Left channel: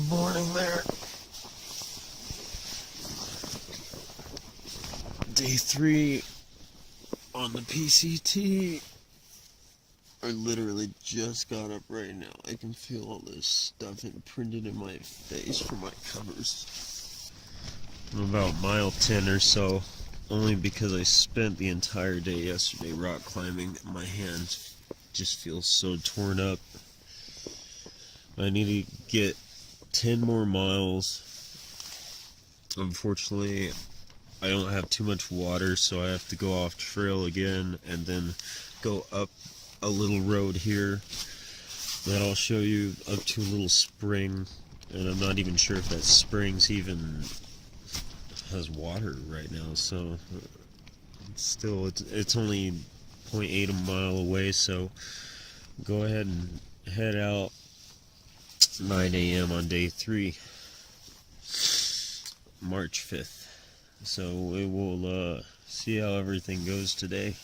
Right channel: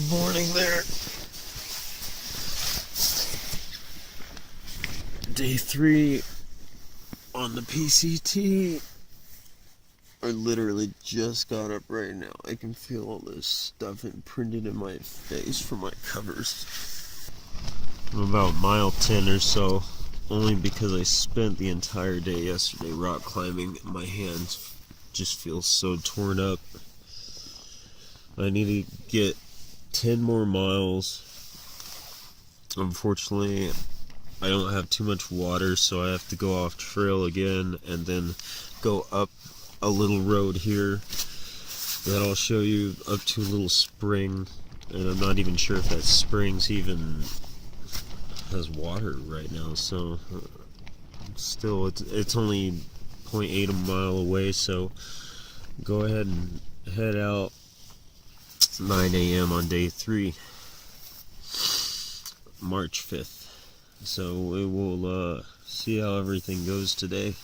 Good morning there. Day 3 on the PCT. I literally just got up right now. I can feel all this stuff imprinted in my face from my covers. I'm about mile 10 or so, only because I spent the entire day yesterday rock climbing. My hands just feel so torn up. I need to get 10 more miles. Unfortunately, I don't have too much water, so I have to go off trail again and then go up a little road here that I'll show you, up to a little spring, and I'm not even sure if that spring's even has water right now, so still it's only 0.8 a mile away, so go ahead and head out. 9 a.m. on day 3, March 5th. So we will see how everything goes today.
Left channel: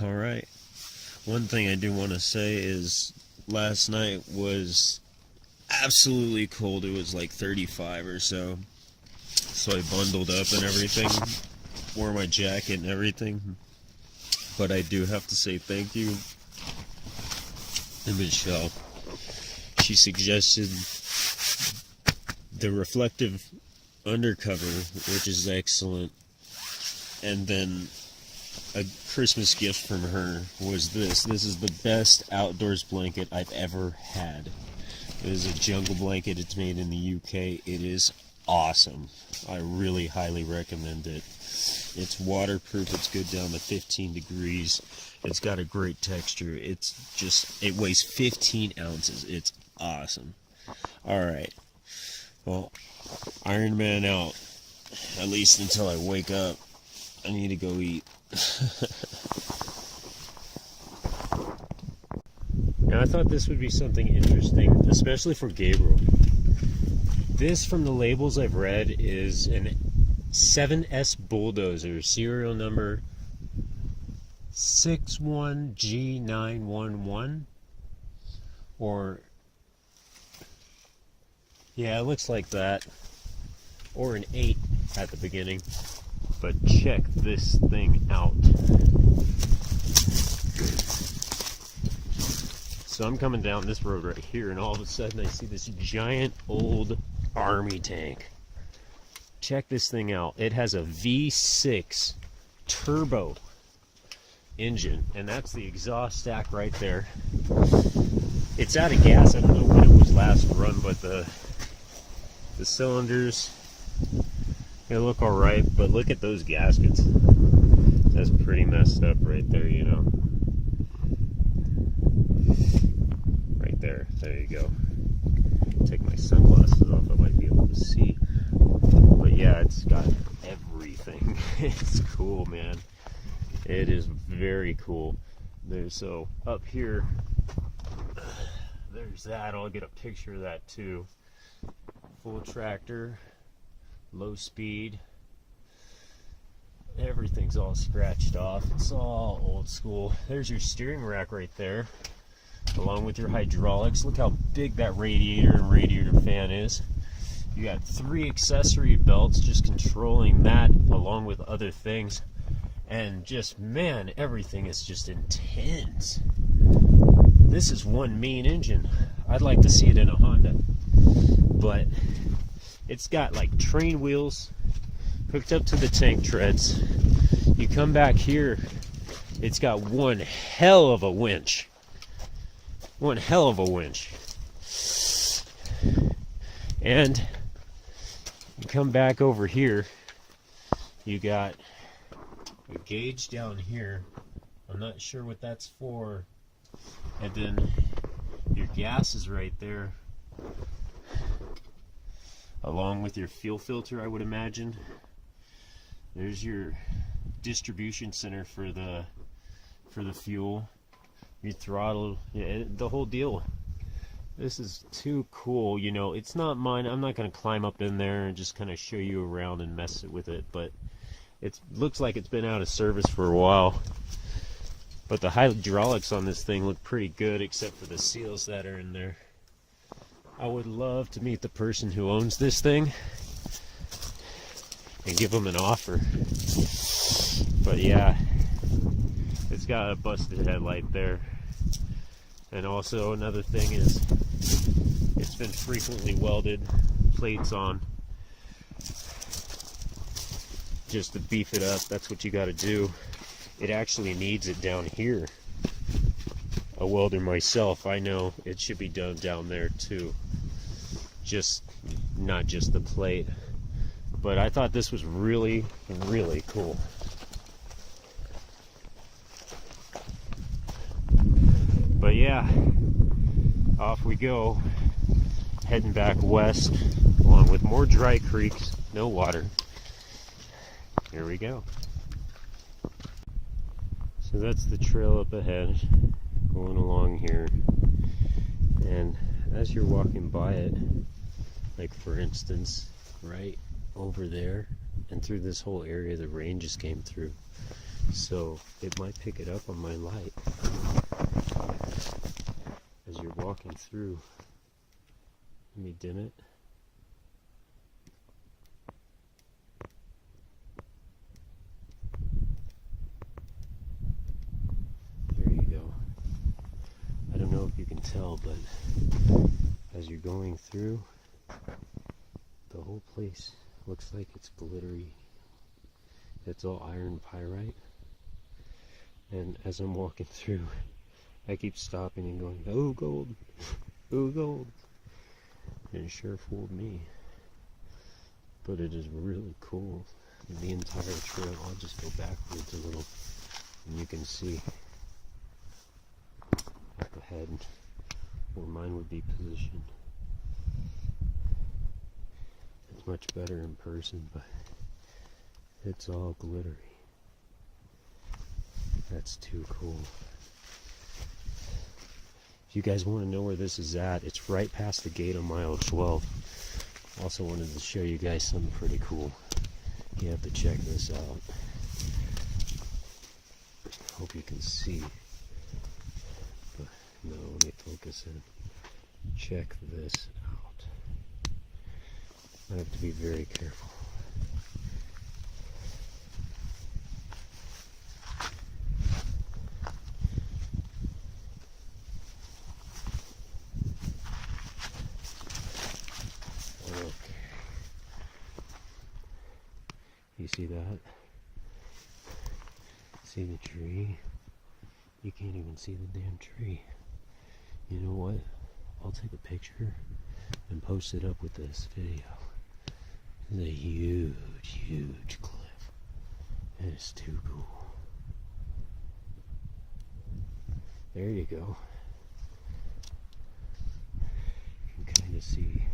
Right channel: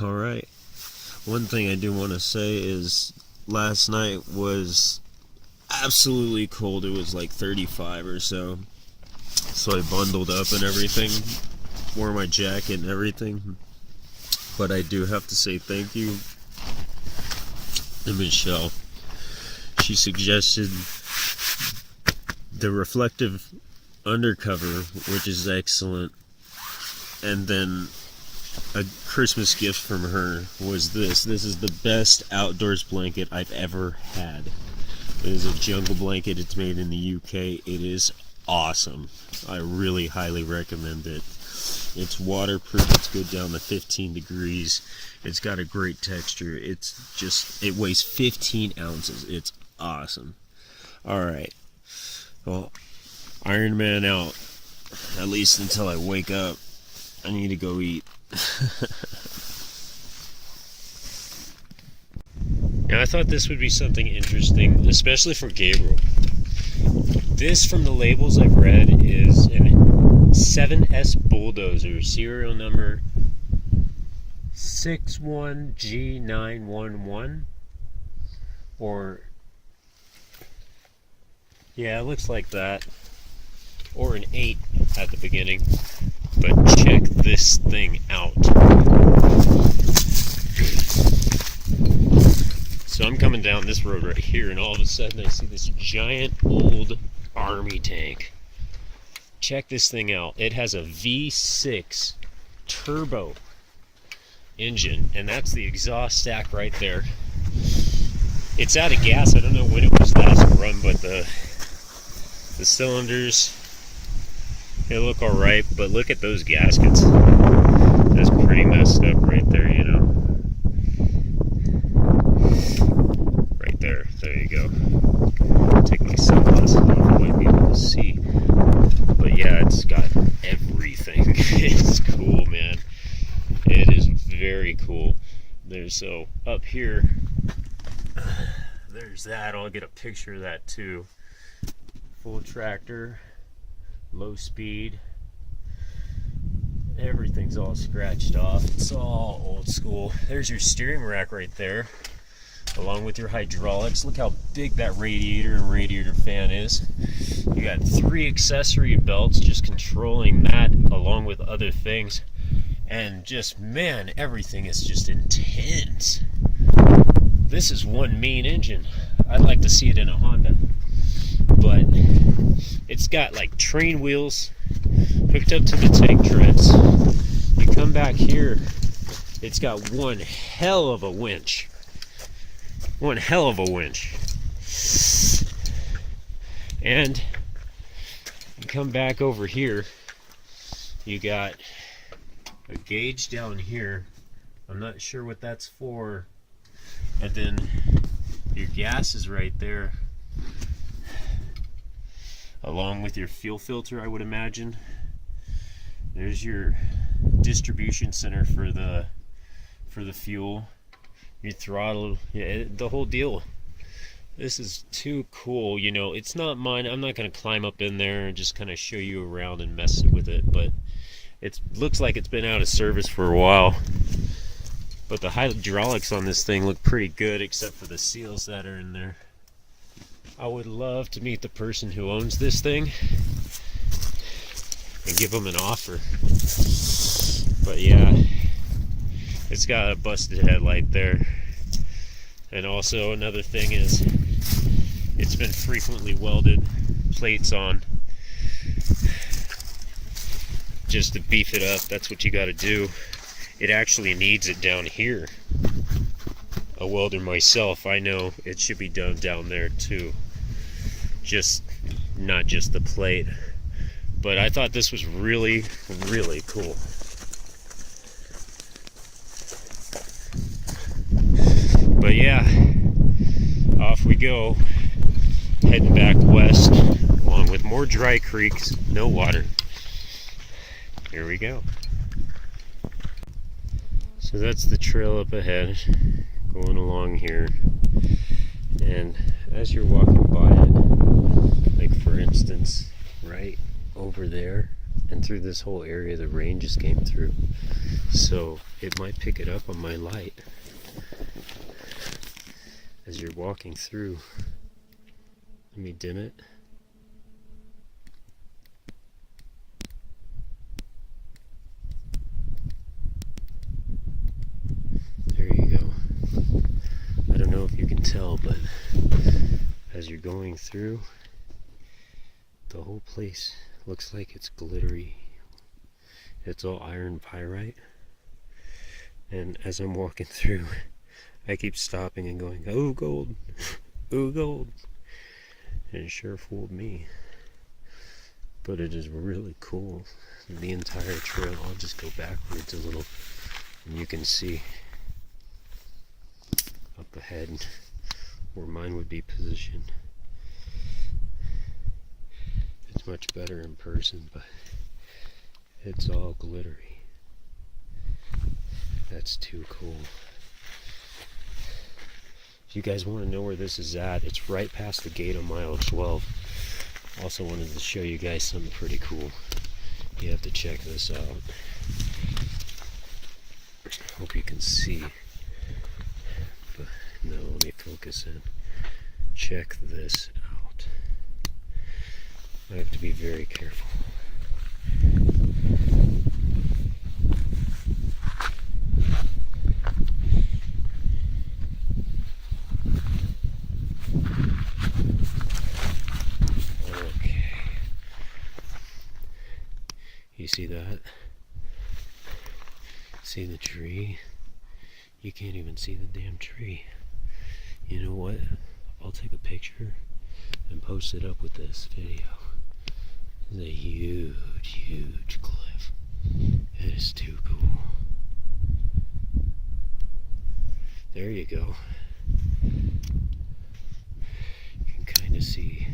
Alright, one thing I do want to say is last night was absolutely cold. It was like 35 or so. So I bundled up and everything, wore my jacket and everything. But I do have to say thank you to Michelle. She suggested the reflective undercover, which is excellent. And then a Christmas gift from her was this. This is the best outdoors blanket I've ever had. It is a jungle blanket. It's made in the UK. It is awesome. I really highly recommend it. It's waterproof. It's good down to 15 degrees. It's got a great texture. It weighs 15 ounces. It's awesome. Alright. Well, Iron Man out. At least until I wake up. I need to go eat. Now, I thought this would be something interesting, especially for Gabriel. This, from the labels I've read, is an 7S Bulldozer, serial number 61G911, or yeah, it looks like that, or an 8 at the beginning. But check this thing out. So I'm coming down this road right here, and all of a sudden I see this giant old army tank. Check this thing out. It has a V6 turbo engine, and that's the exhaust stack right there. It's out of gas. I don't know when it was last run, but the cylinders, they look alright, but look at those gaskets. That's pretty messed up right there, you know. Right there. There you go. Take my sunglasses off, I might be able to see. But yeah, it's got everything. It's cool, man. It is very cool. So up here, there's that. I'll get a picture of that too. Full tractor, low speed. Everything's all scratched off. It's all old school. There's your steering rack right there, along with your hydraulics. Look how big that radiator and radiator fan is. You got 3 accessory belts just controlling that, along with other things. And just, man, everything is just intense. This is one main engine. I'd like to see it in a Honda. But it's got like train wheels hooked up to the tank treads. You come back here, it's got one hell of a winch. One hell of a winch. And you come back over here, you got a gauge down here. I'm not sure what that's for. And then your gas is right there, along with your fuel filter, I would imagine. There's your distribution center for the fuel, your throttle, yeah, the whole deal. This is too cool. You know, it's not mine. I'm not going to climb up in there and just kind of show you around and mess with it, but it looks like it's been out of service for a while. But the hydraulics on this thing look pretty good, except for the seals that are in there. I would love to meet the person who owns this thing and give them an offer. But yeah, it's got a busted headlight there. And also another thing is it's been frequently welded, plates on, just to beef it up. That's what you got to do. It actually needs it down here. A welder myself, I know it should be done down there too. Just not just the plate. But I thought this was really, really cool. But yeah, off we go, heading back west, along with more dry creeks, no water. Here we go. So that's the trail up ahead, going along here. And as you're walking by it, like for instance, right over there and through this whole area, the rain just came through. So it might pick it up on my light. As you're walking through, let me dim it. There you go. I don't know if you can tell, but as you're going through, the whole place looks like it's glittery. It's all iron pyrite. And as I'm walking through, I keep stopping and going, oh gold, oh gold. And it sure fooled me. But it is really cool. The entire trail, I'll just go backwards a little and you can see up ahead where mine would be positioned. It's much better in person, but it's all glittery. That's too cool. If you guys want to know where this is at, it's right past the gate of mile 12. Also wanted to show you guys something pretty cool. You have to check this out. Hope you can see. But no, let me focus in. Check this out. I have to be very careful. Okay. You see that? See the tree? You can't even see the damn tree. You know what? I'll take a picture and post it up with this video. It's a huge, huge cliff. It is too cool. There you go. You can kind of see,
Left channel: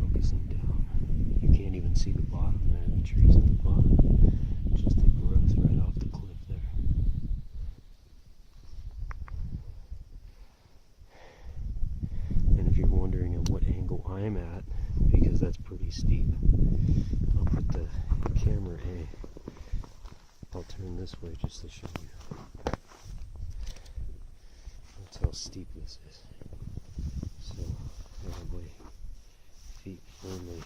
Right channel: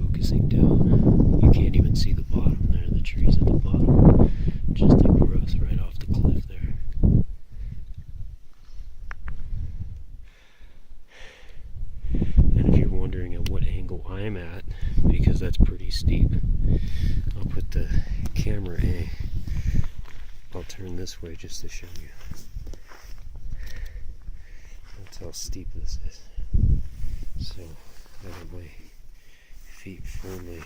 focusing down, you can't even see the bottom there. The trees at the bottom. Just the growth right off the cliff there. And if you're wondering at what angle I'm at, because that's pretty steep, I'll put the camera in. I'll turn this way just to show you. That's how steep this is. So I have my feet firmly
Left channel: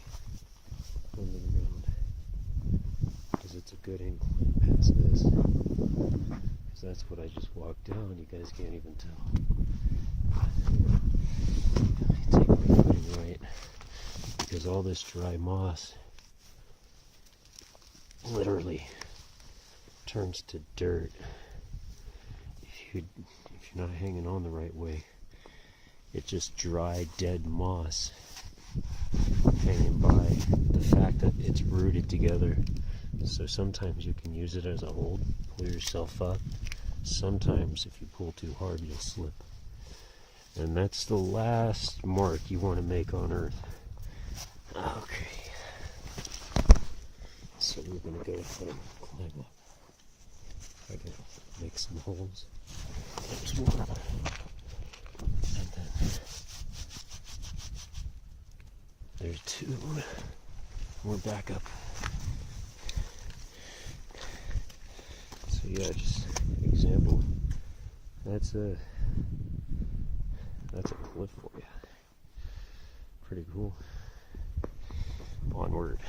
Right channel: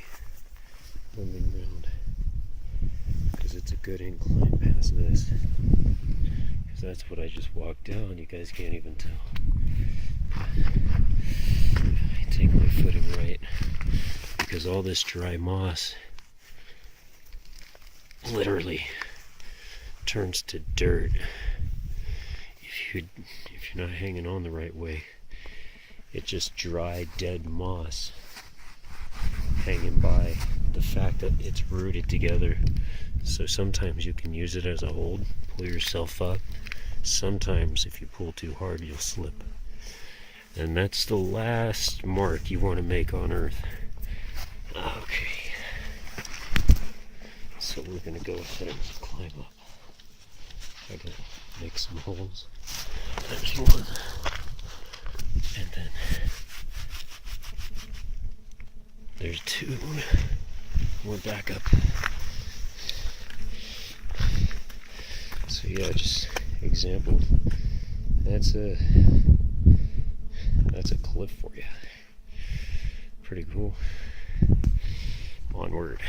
on the ground, because it's a good incline past this. Because that's what I just walked down. You guys can't even tell. I take my footing right, because all this dry moss literally turns to dirt if you're not hanging on the right way. It's just dry, dead moss hanging by. The fact that it's rooted together, so sometimes you can use it as a hold, pull yourself up. Sometimes if you pull too hard, you'll slip. And that's the last mark you want to make on Earth. Okay, so we're gonna go ahead and climb up. I gotta make some holes. There's one, and then there's two. We're back up. So yeah, just example. That's a cliff for you. pretty cool. Onward.